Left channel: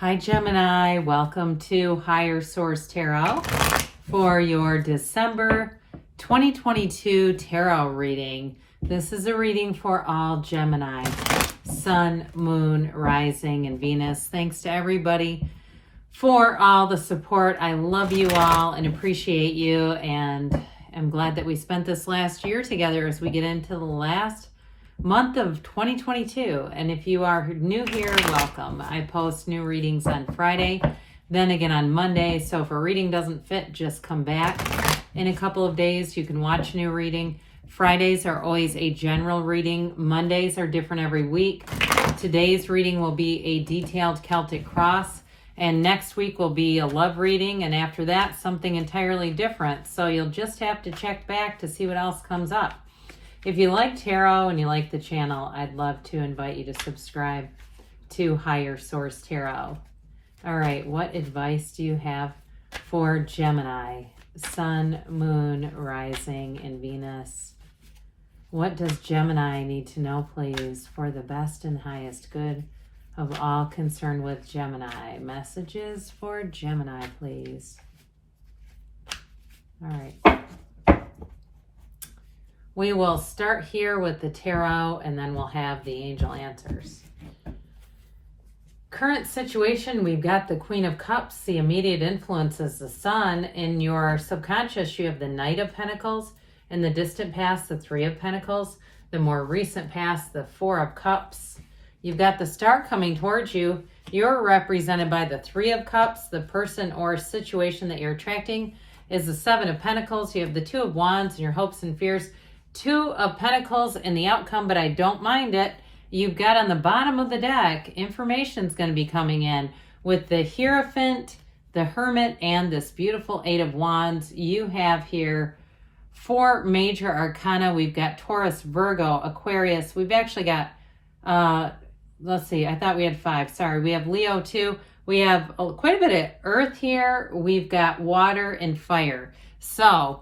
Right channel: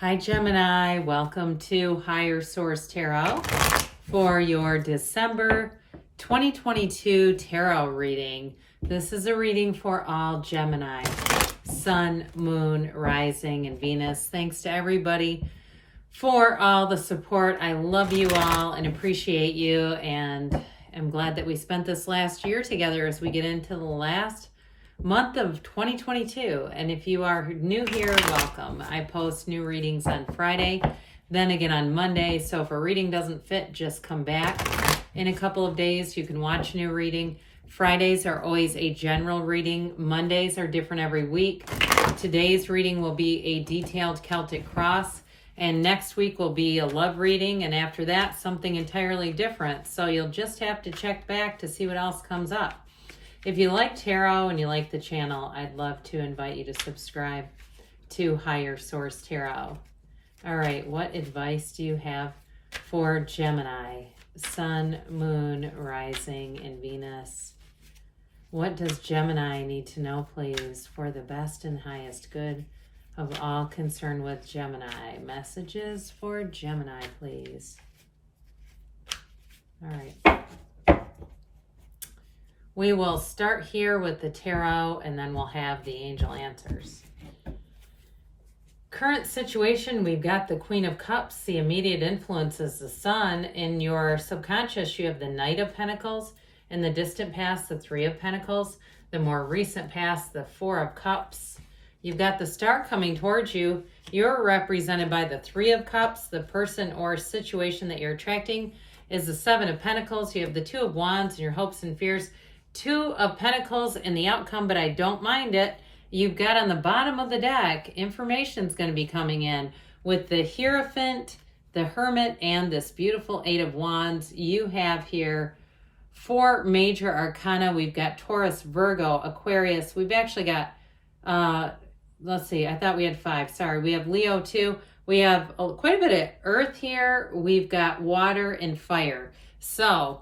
Hi Gemini, welcome to Higher Source Tarot for your December 2022 tarot reading. This is a reading for all Gemini, Sun, Moon, Rising, and Venus. Thanks to everybody for all the support. I love you all and appreciate you, and I'm glad that we spent this last year together as we get into the last month of 2022. And if you are new here, welcome. I post new readings on Friday, then again on Monday. So if a reading doesn't fit, just come back in a couple of days. You can watch a new reading. Fridays are always a general reading. Mondays are different every week. Today's reading will be a detailed Celtic cross, and next week will be a love reading, and after that something entirely different. So you'll just have to check back to see what else comes up. If you like tarot and you like the channel, I'd love to invite you to subscribe to Higher Source Tarot. All right, what advice do you have for Gemini, Sun, Moon, Rising, and Venus? What does Gemini need to know, please, for the best and highest good of all concerned with Gemini? Messages for Gemini, please. All right. We will start here with the tarot, and then we'll have the angel answers. Current situation, we've got the Queen of Cups. The immediate influence is the Sun. In your subconscious, you have the Knight of Pentacles. In the distant past, the Three of Pentacles. The more recent past, the Four of Cups. You've got the Star coming towards you. You're represented by the Three of Cups. The person or situation that you're attracting is the Seven of Pentacles. You have the Two of Wands and your hopes and fears. Two of Pentacles in the outcome, but I don't mind it. You've got on the bottom of the deck, information's going to be coming in with the Hierophant, the Hermit, and this beautiful Eight of Wands. You have here four major arcana. We've got Taurus, Virgo, Aquarius. We've actually got, let's see, I thought we had five. Sorry, we have Leo too. We have quite a bit of earth here. We've got water and fire. So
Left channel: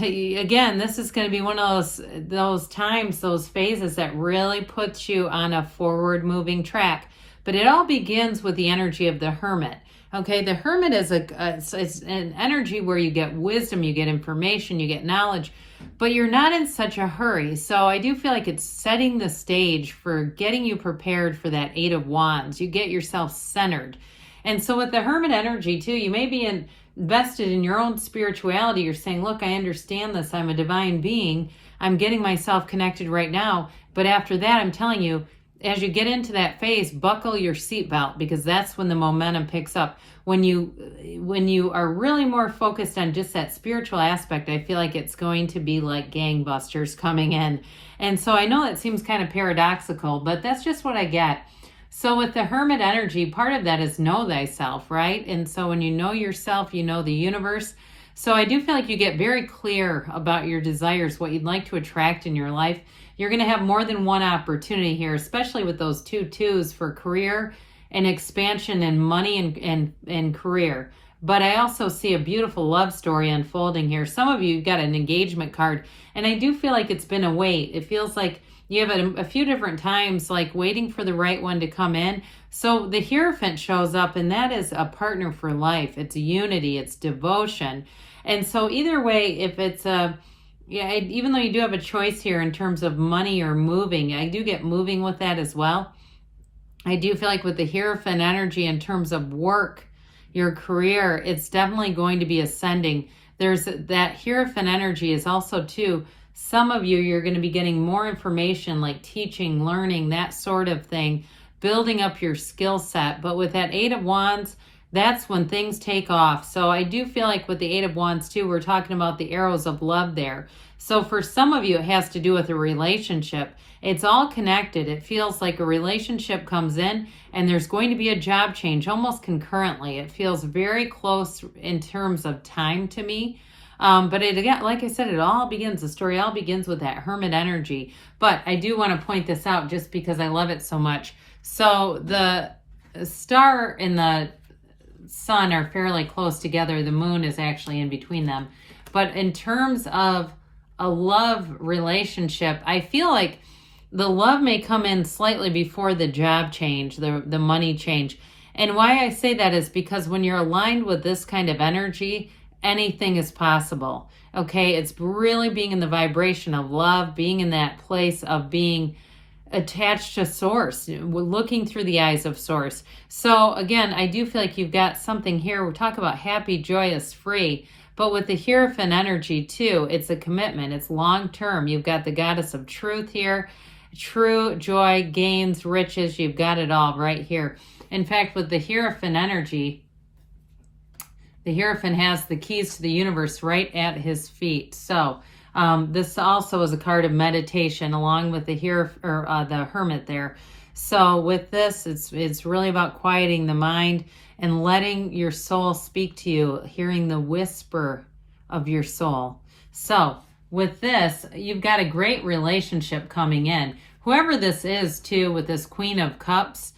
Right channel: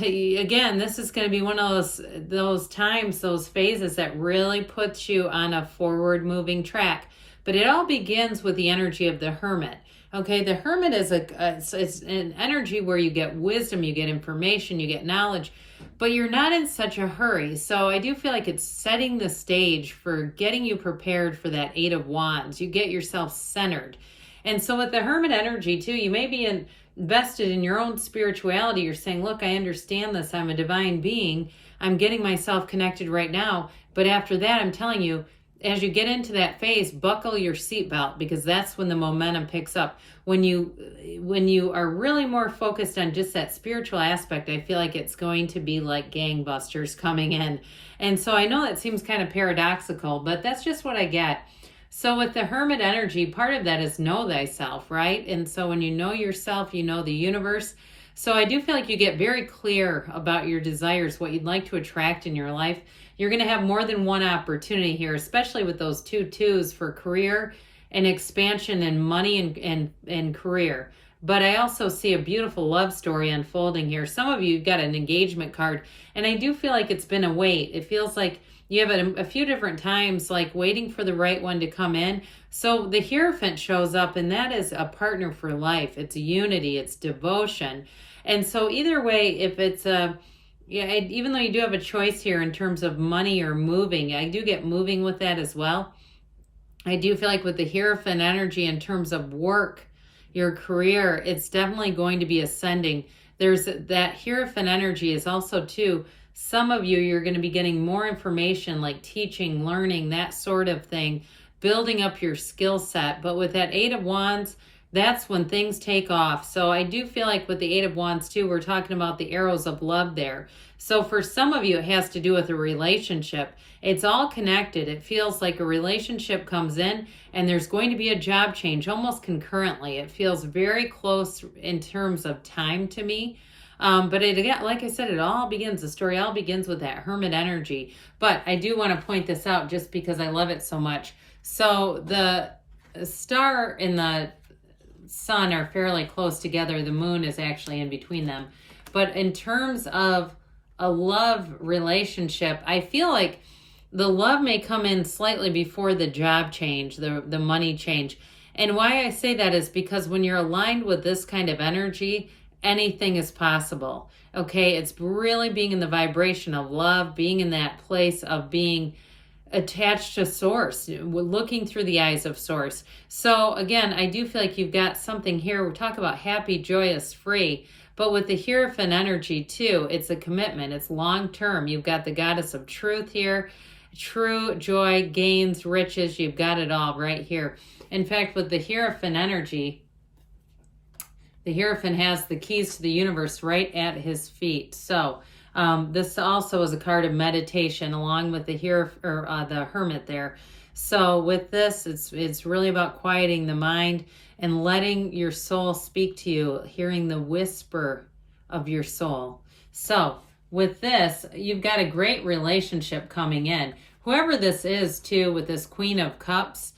again, this is going to be one of those times, those phases that really puts you on a forward moving track. But it all begins with the energy of the Hermit. Okay, the Hermit is it's an energy where you get wisdom, you get information, you get knowledge, but you're not in such a hurry. So I do feel like it's setting the stage for getting you prepared for that Eight of Wands. You get yourself centered. And so with the Hermit energy too, you may be invested in your own spirituality. You're saying, look, I understand this. I'm a divine being. I'm getting myself connected right now. But after that, I'm telling you, as you get into that phase, buckle your seatbelt, because that's when the momentum picks up. When you are really more focused on just that spiritual aspect, I feel like it's going to be like gangbusters coming in. And so I know that seems kind of paradoxical, but that's just what I get. So with the Hermit energy, part of that is know thyself, right? And so when you know yourself, you know the universe. So I do feel like you get very clear about your desires, what you'd like to attract in your life. You're going to have more than one opportunity here, especially with those two twos for career and expansion and money and career. But I also see a beautiful love story unfolding here. Some of you got an engagement card, and I do feel like it's been a wait. It feels like you have a few different times, like waiting for the right one to come in. So the Hierophant shows up, and that is a partner for life. It's unity, it's devotion. And so either way, if it's even though you do have a choice here in terms of money or moving, I do get moving with that as well. I do feel like with the Hierophant energy in terms of work, your career, it's definitely going to be ascending. There's that Hierophant energy is also too, some of you, you're going to be getting more information like teaching, learning, that sort of thing, building up your skill set. But with that Eight of Wands, that's when things take off. So I do feel like with the Eight of Wands too, we're talking about the arrows of love there. So for some of you, it has to do with a relationship. It's all connected. It feels like a relationship comes in and there's going to be a job change almost concurrently. It feels very close in terms of time to me. But it, again, like I said, the story all begins with that Hermit energy. But I do want to point this out just because I love it so much. So the star and the sun are fairly close together. The moon is actually in between them. But in terms of a love relationship, I feel like the love may come in slightly before the job change, the money change. And why I say that is because when you're aligned with this kind of energy, anything is possible. Okay, it's really being in the vibration of love, being in that place of being attached to source, looking through the eyes of source. So again, I do feel like you've got something here. We're talking about happy, joyous, free. But with the Hierophant energy too, it's a commitment. It's long term. You've got the goddess of truth here. True joy, gains, riches. You've got it all right here. In fact, with the Hierophant energy, the Hierophant has the keys to the universe right at his feet. So this also is a card of meditation along with the the Hermit there. So with this, it's really about quieting the mind and letting your soul speak to you, hearing the whisper of your soul. So with this, you've got a great relationship coming in. Whoever this is too, with this Queen of Cups,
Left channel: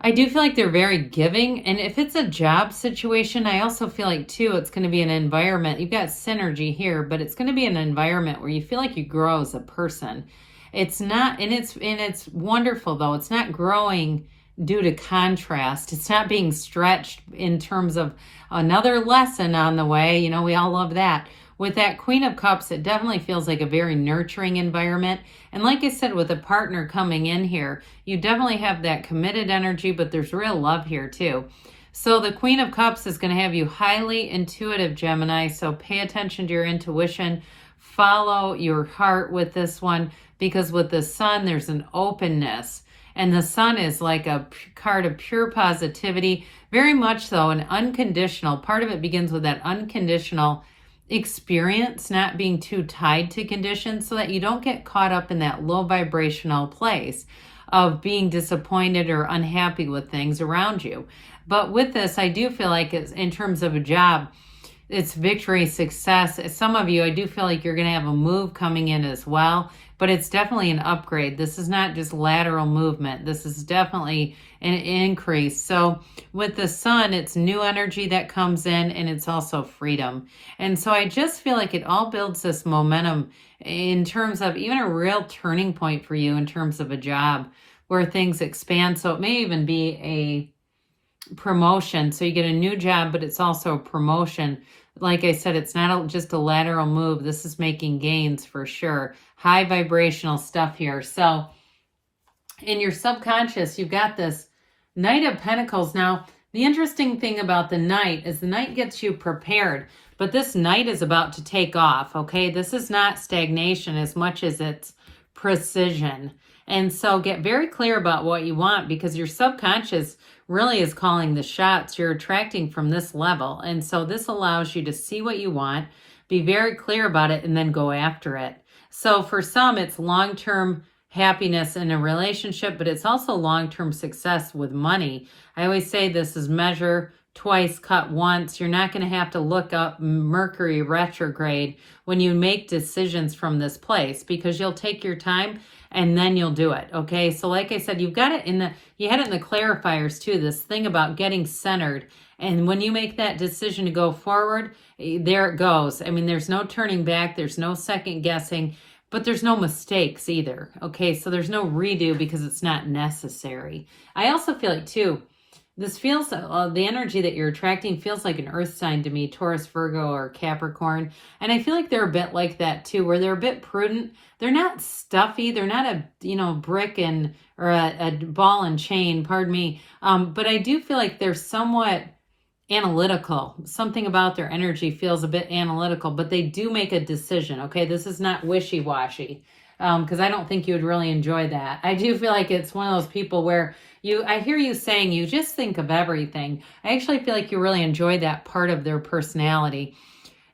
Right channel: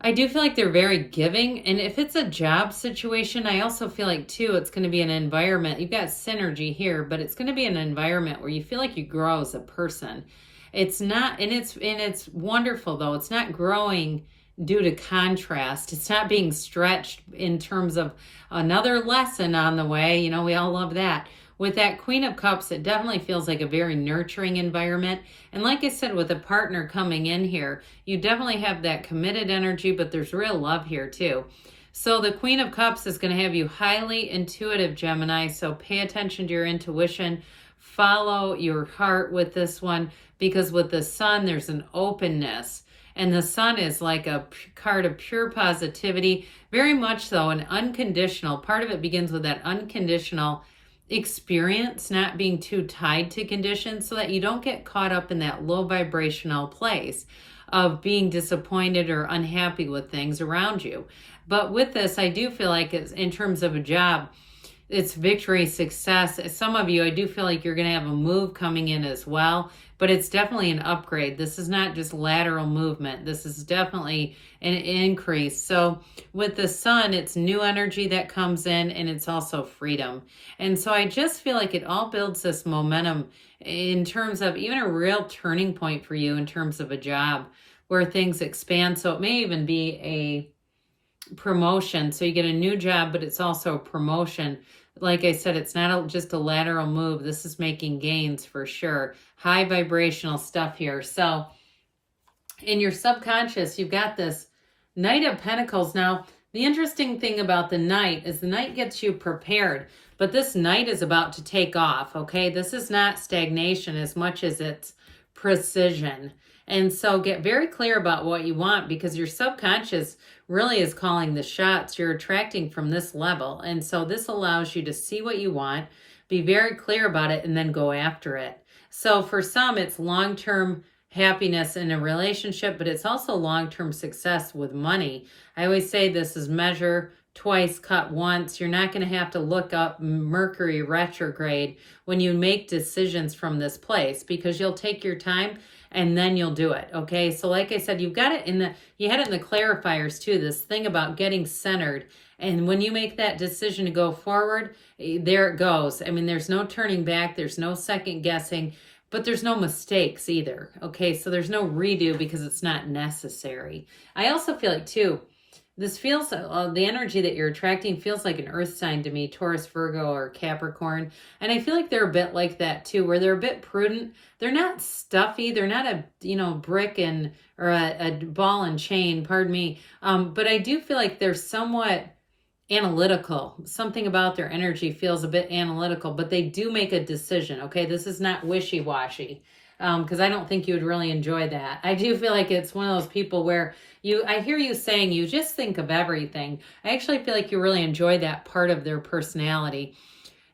I do feel like they're very giving. And if it's a job situation, I also feel like too, it's going to be an environment. You've got synergy here, but it's going to be an environment where you feel like you grow as a person. It's not, and it's wonderful though. It's not growing due to contrast. It's not being stretched in terms of another lesson on the way. You know, we all love that. With that Queen of Cups, it definitely feels like a very nurturing environment. And like I said, with a partner coming in here, you definitely have that committed energy, but there's real love here too. So the Queen of Cups is going to have you highly intuitive, Gemini. So pay attention to your intuition. Follow your heart with this one, because with the Sun, there's an openness. And the Sun is like a card of pure positivity, very much so, an unconditional. Part of it begins with that unconditional experience, not being too tied to conditions, so that you don't get caught up in that low vibrational place of being disappointed or unhappy with things around you. But with this, I do feel like it's, in terms of a job, it's victory, success. Some of you, I do feel like you're going to have a move coming in as well, but it's definitely an upgrade. This is not just lateral movement. This is definitely an increase. So with the Sun, it's new energy that comes in, and it's also freedom. And so I just feel like it all builds this momentum in terms of even a real turning point for you in terms of a job where things expand. So it may even be a promotion. So you get a new job, but it's also a promotion. Like I said, it's not just a lateral move. This is making gains for sure. High vibrational stuff here. So in your subconscious, you've got this Knight of Pentacles. Now, the interesting thing about the Knight is the Knight gets you prepared, but this Knight is about to take off, okay? This is not stagnation as much as it's precision. And so get very clear about what you want, because your subconscious really is calling the shots. You're attracting from this level. And so this allows you to see what you want, be very clear about it, and then go after it. So for some, it's long-term happiness in a relationship, but it's also long-term success with money. I always say this is measure twice, cut once. You're not going to have to look up Mercury retrograde when you make decisions from this place, because you'll take your time and then you'll do it. Okay. So like I said, you've got it you had it in the clarifiers too, this thing about getting centered. And when you make that decision to go forward, there it goes. I mean, there's no turning back. There's no second guessing. But there's no mistakes either, okay? So there's no redo because it's not necessary. I also feel like, too, this feels, the energy that you're attracting feels like an earth sign to me, Taurus, Virgo, or Capricorn. And I feel like they're a bit like that, too, where they're a bit prudent. They're not stuffy. They're not a, brick or a ball and chain, pardon me. But I do feel like they're somewhat analytical. Something about their energy feels a bit analytical, but they do make a decision. Okay, this is not wishy-washy, because I don't think you would really enjoy that. I do feel like it's one of those people where I hear you saying you just think of everything. I actually feel like you really enjoy that part of their personality.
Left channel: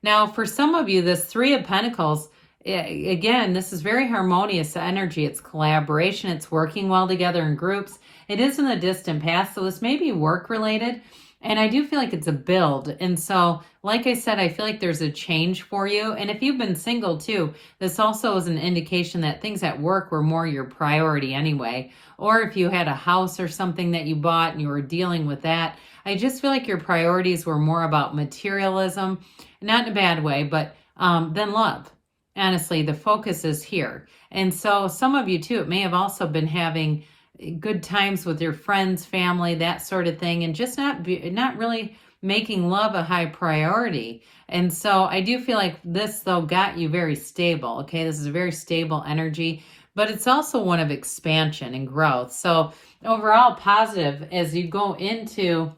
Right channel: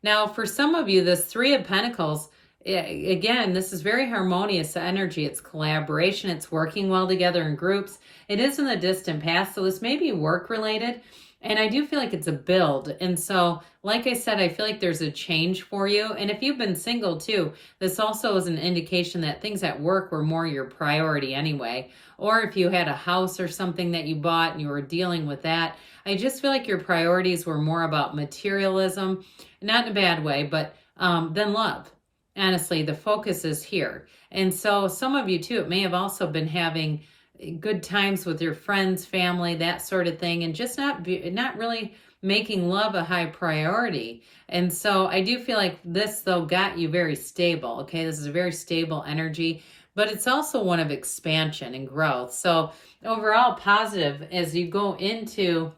Now, for some of you, this Three of Pentacles, again, this is very harmonious energy. It's collaboration. It's working well together in groups. It is in the distant past, so this may be work-related. And I do feel like it's a build. And so, like I said, I feel like there's a change for you. And if you've been single too, this also is an indication that things at work were more your priority anyway. Or if you had a house or something that you bought and you were dealing with that, I just feel like your priorities were more about materialism, not in a bad way, but than love. Honestly, the focus is here. And so some of you too, it may have also been having good times with your friends, family, that sort of thing, and just not really making love a high priority. And so I do feel like this, though, got you very stable. Okay, this is a very stable energy, but it's also one of expansion and growth. So overall positive as you go into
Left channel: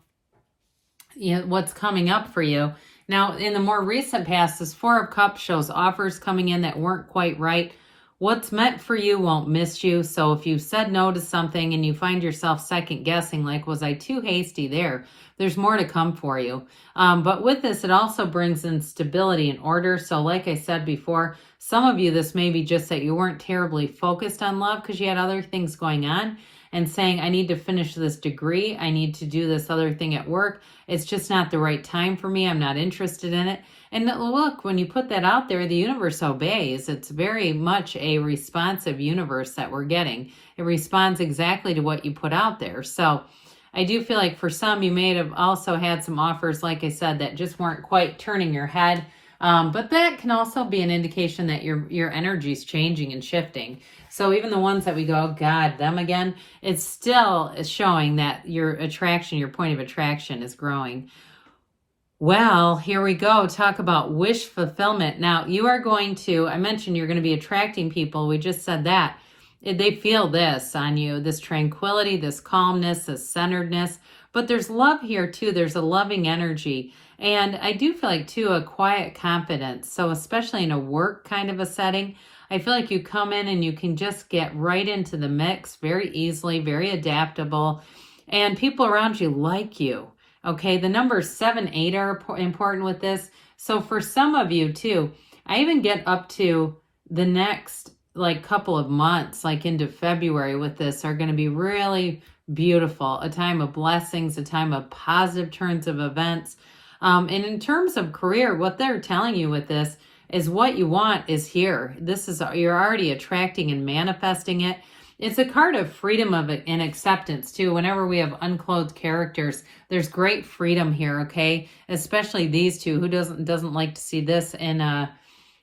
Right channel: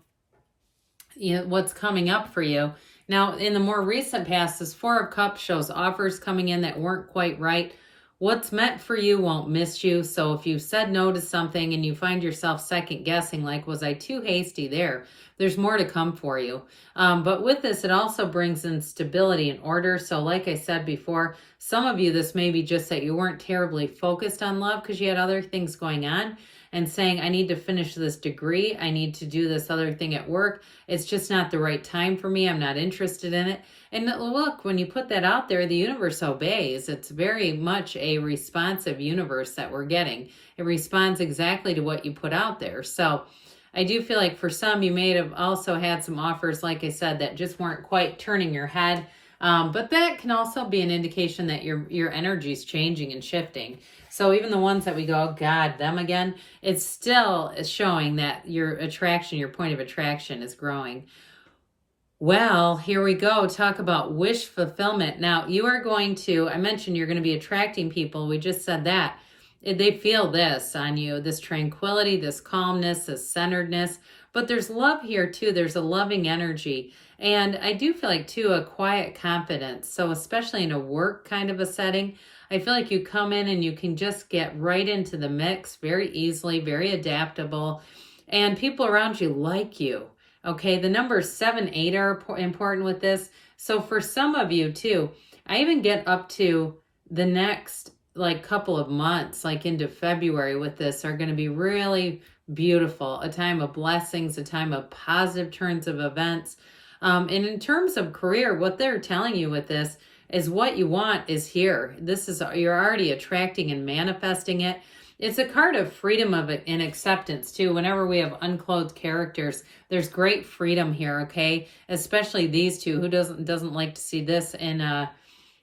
what's coming up for you. Now, in the more recent past, this Four of Cups shows offers coming in that weren't quite right. What's meant for you won't miss you. So if you said no to something and you find yourself second guessing, like, was I too hasty there? There's more to come for you. But with this, it also brings in stability and order. So like I said before, some of you, this may be just that you weren't terribly focused on love because you had other things going on and saying, I need to finish this degree. I need to do this other thing at work. It's just not the right time for me. I'm not interested in it. And look, when you put that out there, the universe obeys. It's very much a responsive universe that we're getting. It responds exactly to what you put out there. So I do feel like for some, you may have also had some offers, like I said, that just weren't quite turning your head. But that can also be an indication that your energy is changing and shifting. So even the ones that we go, oh God, them again, it's still showing that your attraction, your point of attraction is growing. Well, here we go. Talk about wish fulfillment. Now, you are going to, I mentioned you're going to be attracting people. We just said that. They feel this on you, this tranquility, this calmness, this centeredness. But there's love here too. There's a loving energy. And I do feel like too, a quiet confidence. So especially in a work kind of a setting, I feel like you come in and you can just get right into the mix very easily, very adaptable. And people around you like you. Okay, the numbers 7, 8 are important with this. So for some of you too, I even get up to the next like couple of months, like into February with this, are going to be really beautiful. A time of blessings, a time of positive turns of events. And in terms of career, what they're telling you with this is what you want is here. This is, you're already attracting and manifesting it. It's a card of freedom and acceptance too. Whenever we have unclothed characters, there's great freedom here, okay? Especially these two. Who doesn't like to see this in a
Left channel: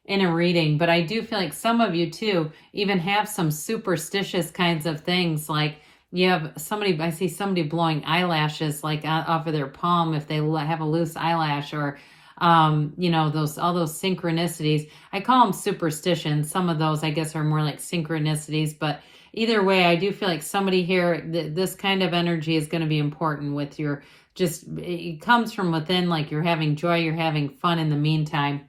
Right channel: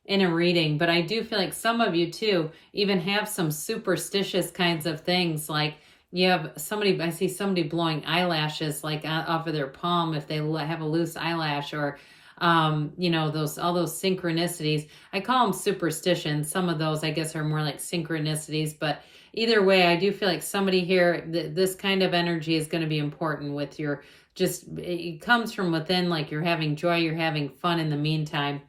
reading? But I do feel like some of you too even have some superstitious kinds of things, like you have somebody, I see somebody blowing eyelashes like off of their palm if they have a loose eyelash, or you know, all those synchronicities. I call them superstitions. Some of those I guess are more like synchronicities, but either way, I do feel like somebody here, this kind of energy is going to be important with your, just, it comes from within, like you're having joy, you're having fun in the meantime.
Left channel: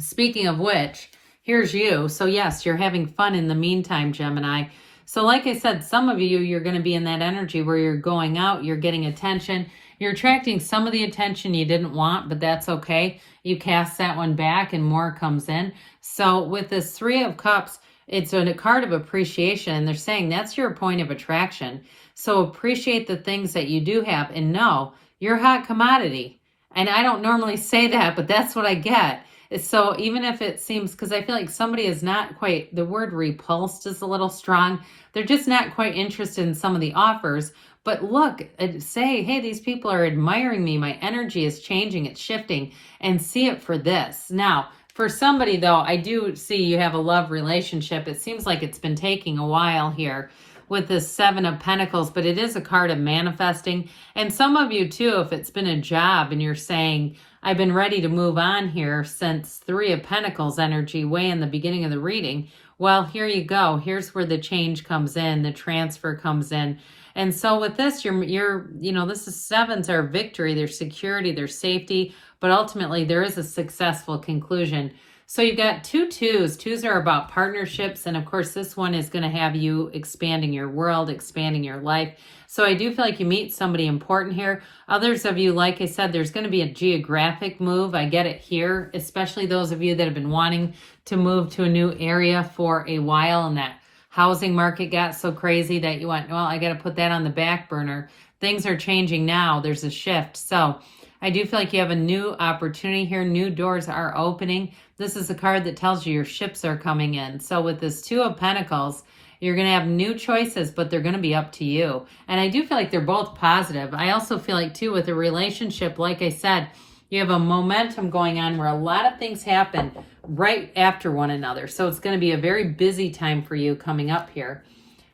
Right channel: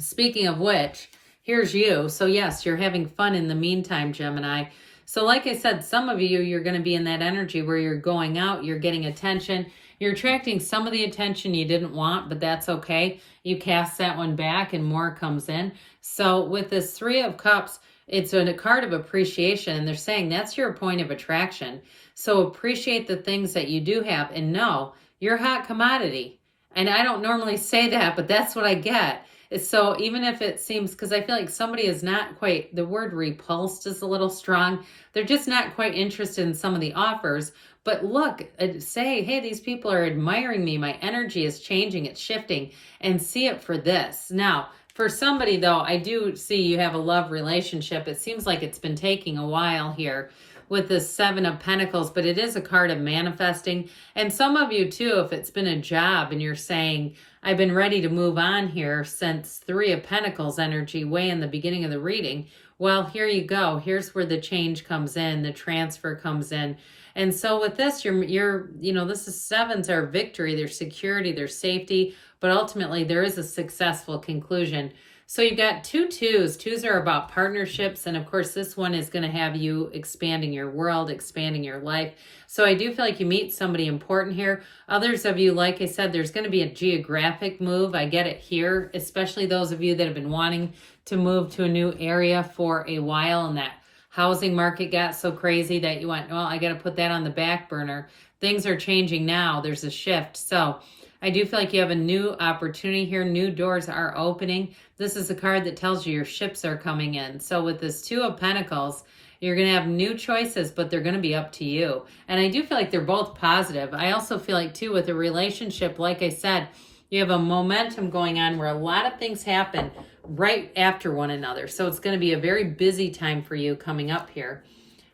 Speaking of which, here's you. So yes, you're having fun in the meantime, Gemini. So like I said, some of you, you're going to be in that energy where you're going out, you're getting attention, you're attracting some of the attention you didn't want, but that's okay. You cast that one back and more comes in. So with this 3 of Cups, it's a card of appreciation, and they're saying that's your point of attraction. So appreciate the things that you do have, and know you're a hot commodity. And I don't normally say that, but that's what I get. So even if it seems, because I feel like somebody is not quite, the word repulsed is a little strong. They're just not quite interested in some of the offers. But look, say, hey, these people are admiring me. My energy is changing, it's shifting, and see it for this. Now, for somebody, though, I do see you have a love relationship. It seems like it's been taking a while here with the 7 of Pentacles, but it is a card of manifesting. And some of you, too, if it's been a job and you're saying, I've been ready to move on here since 3 of Pentacles energy way in the beginning of the reading, well, here you go. Here's where the change comes in, the transfer comes in. And so with this, you're you know, this is 7s are victory, there's security, there's safety, but ultimately there is a successful conclusion. So you've got 2 2s. 2s are about partnerships. And of course, this one is going to have you expanding your world, expanding your life. So I do feel like you meet somebody important here. Others of you, like I said, there's going to be a geographic move. I get it here, especially those of you that have been wanting to move to a new area for a while, and that housing market got so crazy that you went, well, I got to put that on the back burner. Things are changing now. There's a shift. So I do feel like you have a new opportunity here. New doors are opening. This is a card that tells you your ships are coming in. So with this 2 of Pentacles, you're going to have new choices, but they're going to be up to you. And I do feel like they're both positive. I also feel like, too, with a relationship, like I said, you have a momentum going on where a lot of things happen right after one another. So it's going to be a very busy time for you coming up here.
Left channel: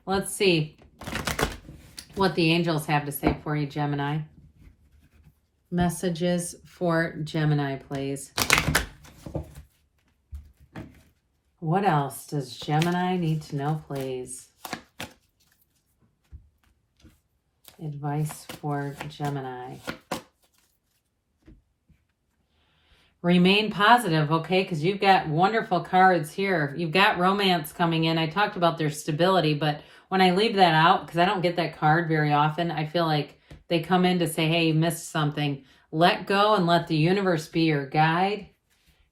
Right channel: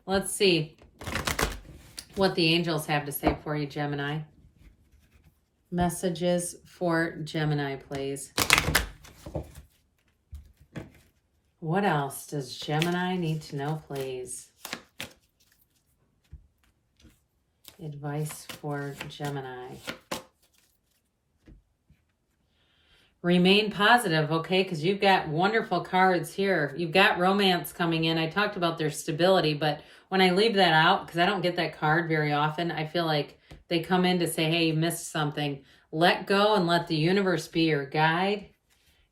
Let's see. what the angels have to say for you, Gemini. Messages for Gemini, please. What else does Gemini need to know, please? Advice for Gemini. Remain positive, okay? Because you've got wonderful cards here. You've got romance coming in. I talked about their stability, but when I leave that out, because I don't get that card very often, I feel like they come in to say, hey, you missed something. Let go and let the universe be your guide.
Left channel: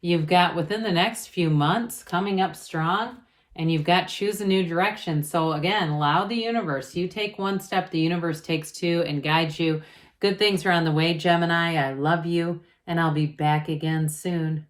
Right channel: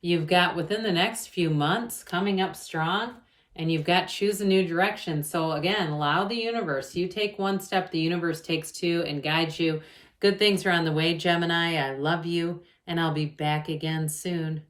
You've got within the next few months coming up strong, and you've got choose a new direction. So again, allow the universe. You take one step, the universe takes two and guides you. Good things are on the way, Gemini. I love you, and I'll be back again soon.